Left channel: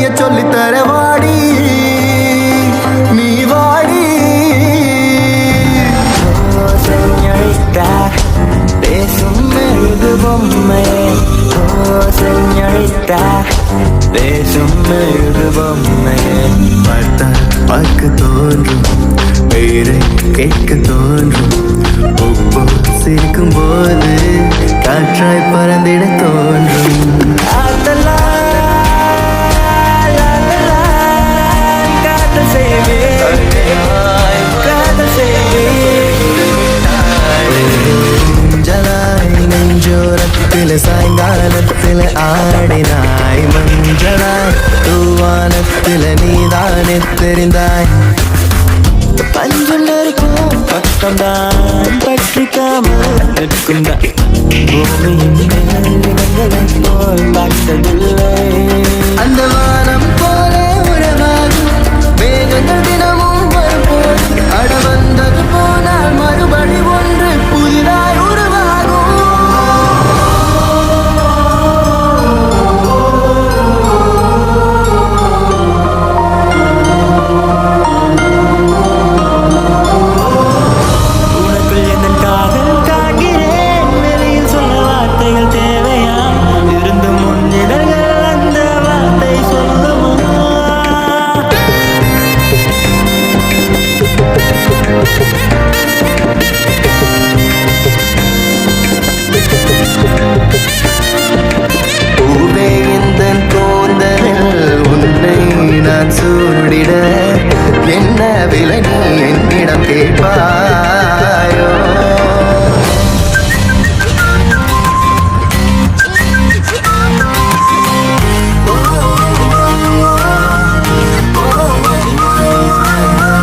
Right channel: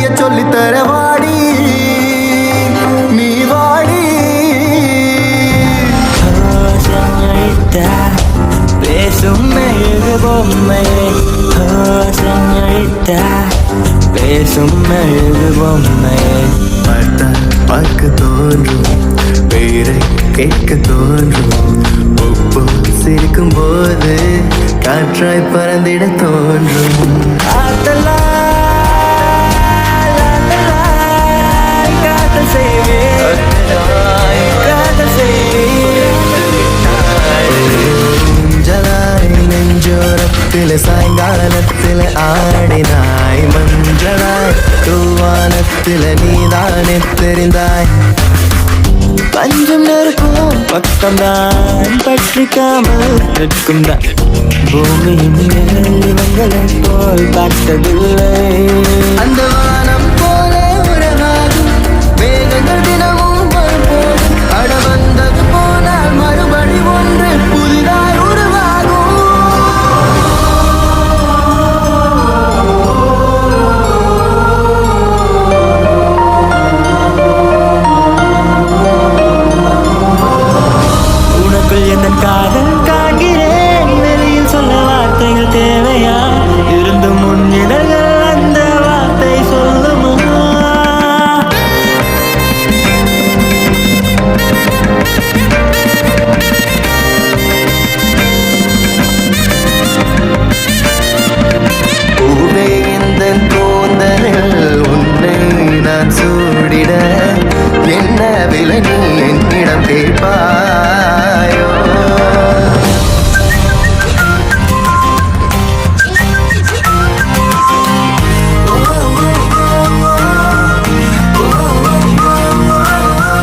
வழிய சொல்லித்தர வாடி நீ வாடி. Señorita, பேசுமே இது பொம்மையே. Señorita, பேசுமே இது பொம்மையே. பார்த்தால் பார்க்க தோன்றும், பெயரை கேட்க தோன்றும், உப்பு சிரிக்கும் போது காற்றாய் பறந்திட தோன்றும். காதல் செய்வேன், காதல் செய்வேன். மஞ்சளாய் நெஞ்சோரத்தில் சாயங்காலத்தில் ஆடினாய், மஞ்சளாய் தூவானத்தில் நீதானே தெரிந்தாய். பஞ்சம் நெருக்கும் பக்கம்தான் பற்றிக்காமல் நிற்கும் தான் பூமியின் மேல் இவங்களை போல் பார்த்ததில்லை. அந்த வானம் போல உறவாகும் மேகங்கள் தினமும் வரும்போது அட வந்தது போனால் மறுபடி ஒன்று புதிதாய் உருவாகும். உனக்குள் என் காதல் காண்கிறேன், வெளியில் சொல்ல வார்த்தைகள் தேவையா? இருந்து முன்னிதழ்கள் அந்த வார்த்தை சொல்லுமா? பூவே இந்த கூந்தலில் உன்னை நான் சூடிட என்ன விலை நீ என்னிடம் கேட்பாயோ?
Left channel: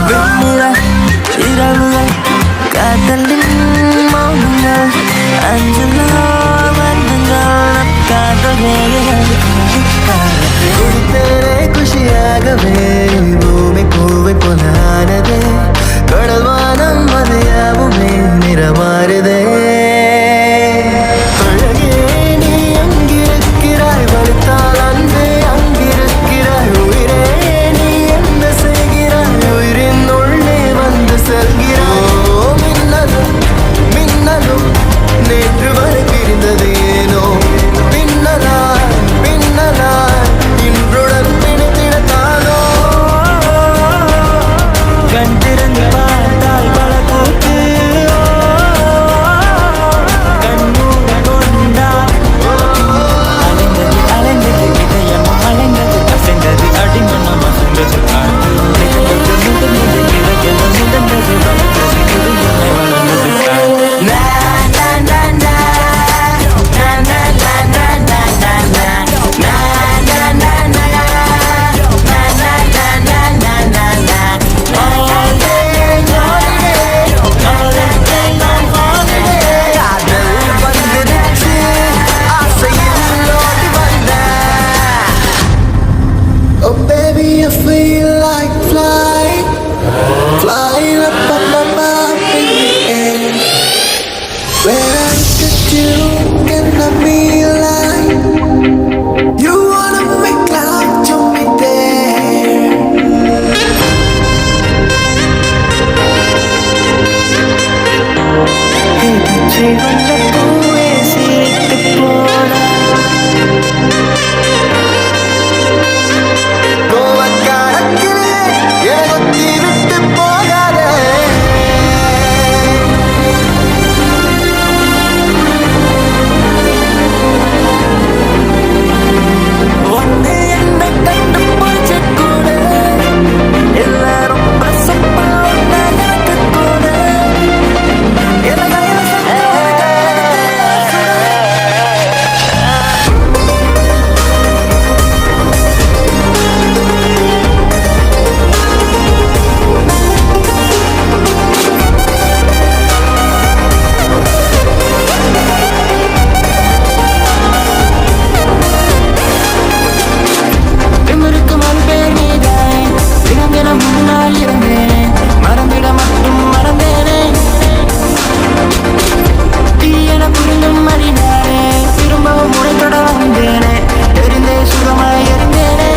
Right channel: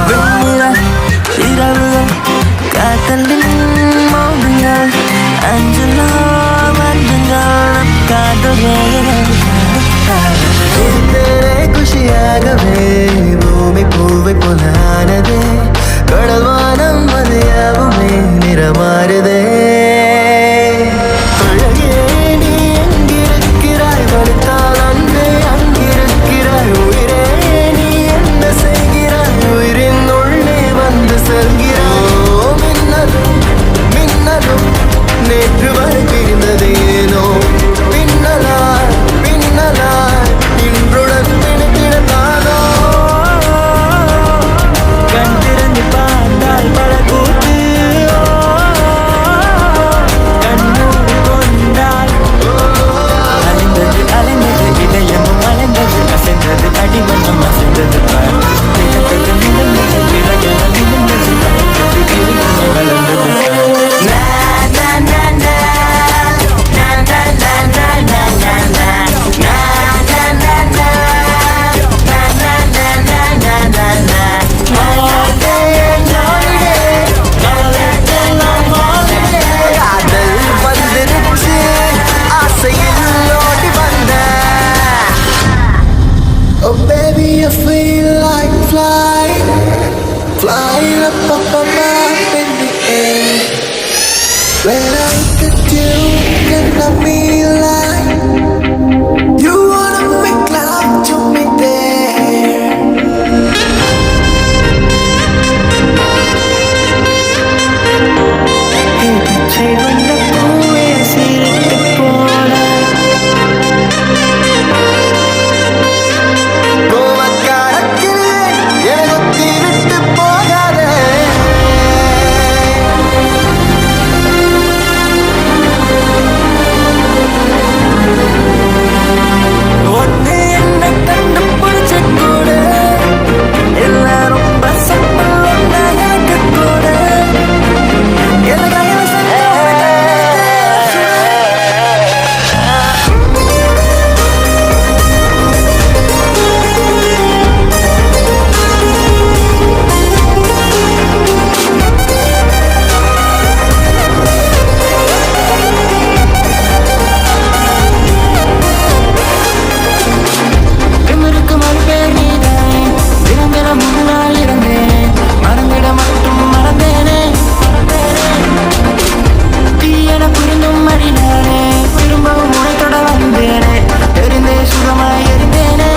வெண்ணிலா இரவுகள் காதலின் மௌனங்கள் அஞ்சலோ மஞ்சங்கள் காதல் ரேகைகள். குடித்தேனே குஷியாகவே பூமி பூவை போலானதே, கடல் வானம் மதியாவுமே நிறமாறுதே. அழகே நீ எங்கிருக்கிறாய், வலித்தால் அன்பே அங்கிருக்கிறாய். உயிரே நீ என்ன செய்கிறாய், உயிரின் உள்ளே வந்து செல்கிறாய். மின்னலும் மின்னலும் நேற்று வரை பிரிந்தது ஏனோ, பின்னலாய் பின்னலாய் இன்றுடன் பிணைத்திடத்தானோ. கண் திறந்து பார்த்தால் பல கூத்து, கண்ணூர் கொண்டால் அலைந்தது அலைந்தது இதயம் அலைந்தது அசைந்தது அடிமணி மசந்தது. Oh baby, I feel like flying, flying up, up, up, up in the air. When I look at you, can I be like, you wanna make love to me there. பச்சை வந்த பூவே சிரித்து போன கோவக்காரக்கிலே எனகொத்தி விட்டு போகாதே. மறினானே, திரும்பவும் உனைத்தொட வந்தேனே, தெரிந்தே சுகமாய் எரிந்தேனே.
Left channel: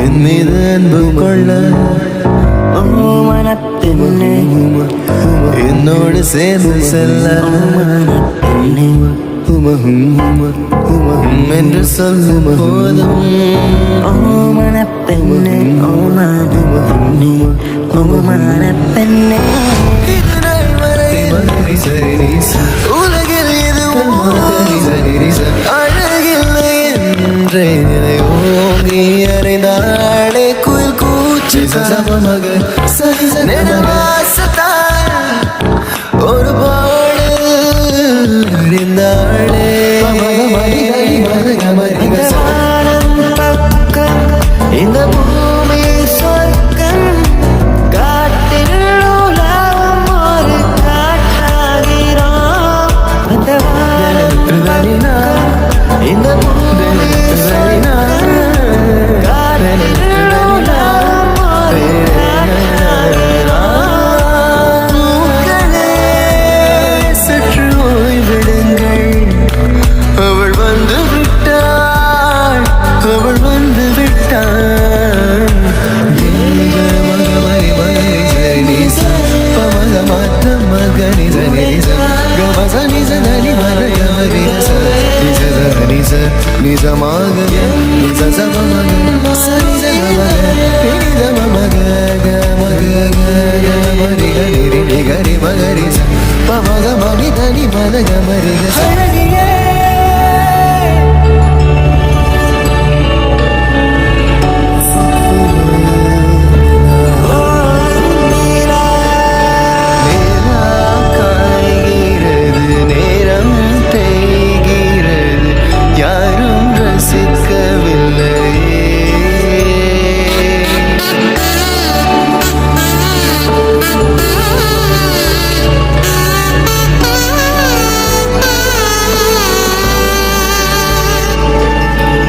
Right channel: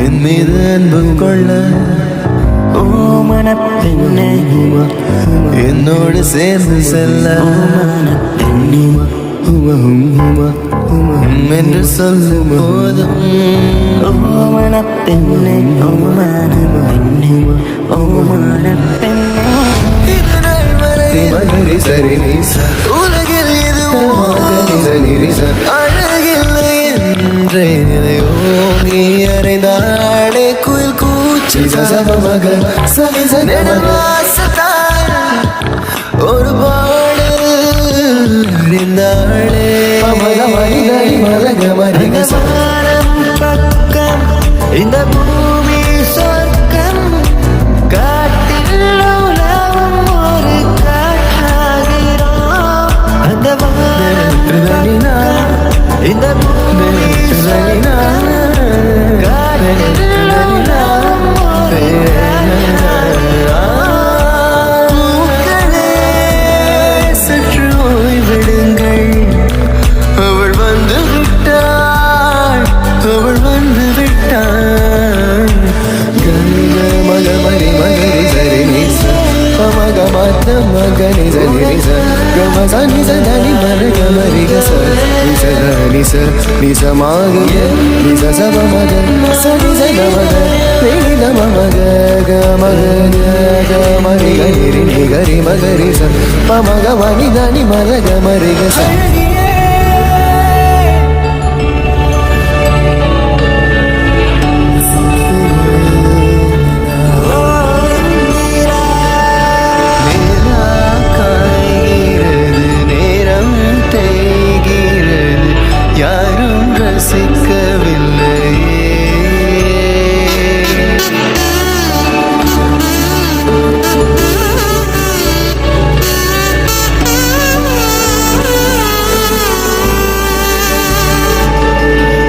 என் மீது அன்பு கொள்ள மனப்பெண்ணே என்னோடு சேர்ந்து செல்ல என்று சொல்லும் போதும் மனப்பெண்ணே மனப்பெண்ணே மனப்பெண்ணே இது நாள் வரையில் உலகில் எதுவும் அழகில்லை என்றே நிலை ஓங்கி அறைந்தாளே குயில் கூச்சு நெடுவாசத்தால் ஒரு பாடல் அறிந்தாளே இந்த பூமி சொர்க்கம் காட்டில் உலவும் ஒரு காற்றாகிறோம் அந்த திருதனினா இந்த பூமி திருதனினா சற்று ஓய்விடுங்கள் அவள் வந்து விட்டாள் அவள் வந்து விட்டாள் மகனி